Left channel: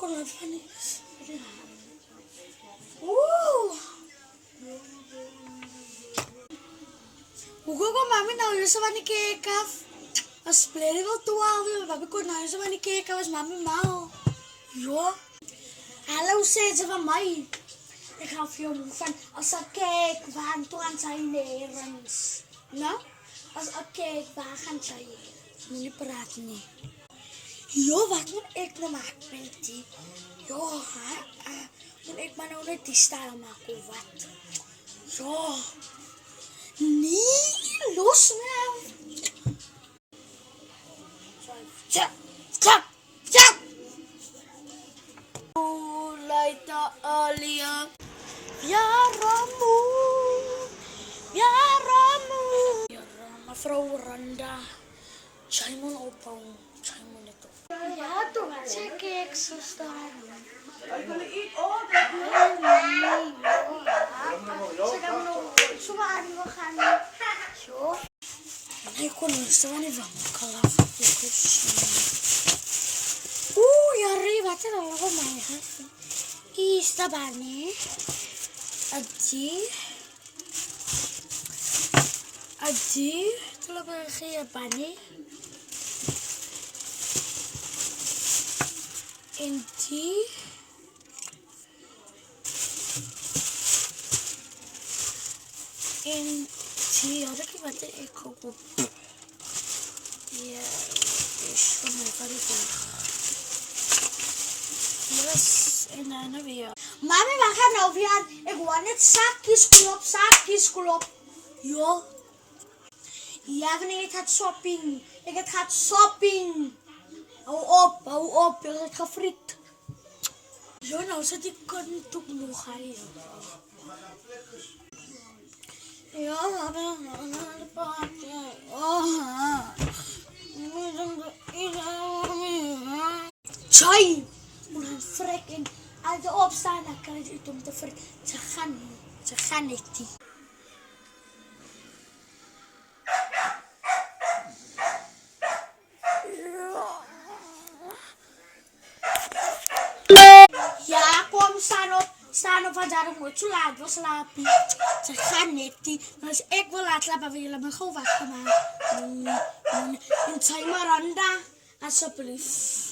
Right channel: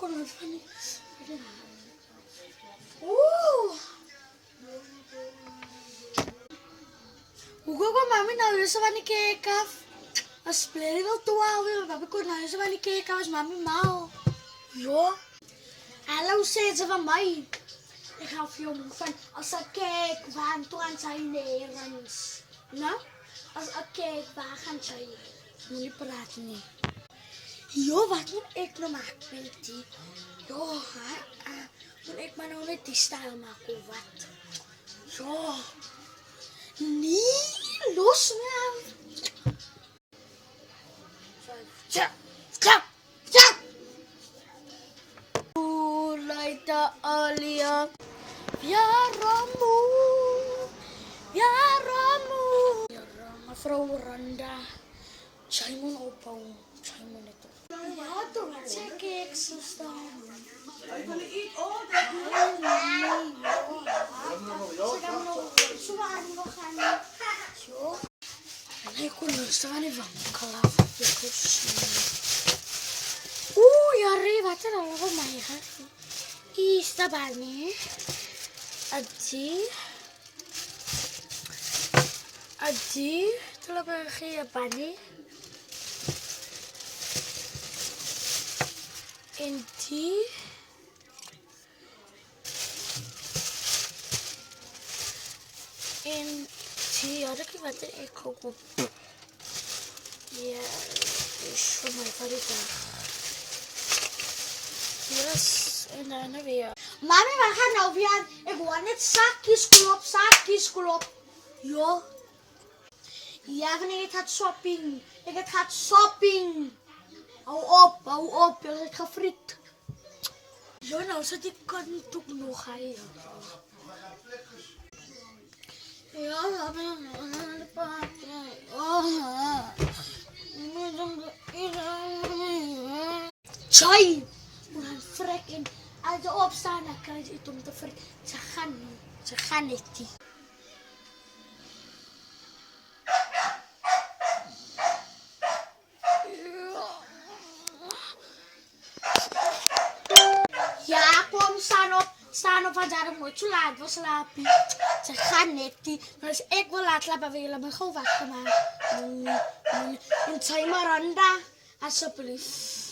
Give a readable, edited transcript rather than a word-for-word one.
kon het van die... Oeh! Hoe kom mami nou huis van die cake af? Als spelen wel 12 uur, papi kon nou huis van die cake af als mami mal. Ja. Hallo, zei ze van mij. Ik ga veel moe van, als ik kijk, waar gaan zijn nergens. Nou, als ik kijk, waar gaan zij? Moet niet praten, nee. Jo, wat moet ik nou maken met die? Jo, moet ik maar nou net die stijl maken of wat? Jo. Nee, los nou. Ja, ja, ja. Oeh, leida alia. Ja, Ramu. Ja, Ramu. Ja, mevrouw Randa. Zij moet opbouwen. Zij moet het op. Ja, toch. Zeg ik zo staan. Ik wil iets eten. Ze gaan nog zo aan we gaan. Zo. En ik kon nu staan in van kalaf. Oeh, ja, Rie, wat er al op mij gaat. Is dat bij mij? Adi, telah pergi apa nih? Inti, ada kita eko kok. Ya, is van mijn favoriete. Yes, en dan weer. Mami, we gaan nou weer. Ik wil net zakjes klop. Ja. Ja, wanneer ik gaat shopping. Ik gaat shopping. Hou op. Ik ga friet. Zo, nou zit ik kan toch nog gaan. Ja, de paardje. Tjai! Moet gaan frekken. Als je opstaan, dan kan je iets om te frekken. Ze gaan niet. Ja, kom, staan op, want daarom moet je laat wel slapen. Ze gaan niet. Dus ik wil laat slapen, willen me gewoon wakker maken. En zij Miranda, alsjeblieft.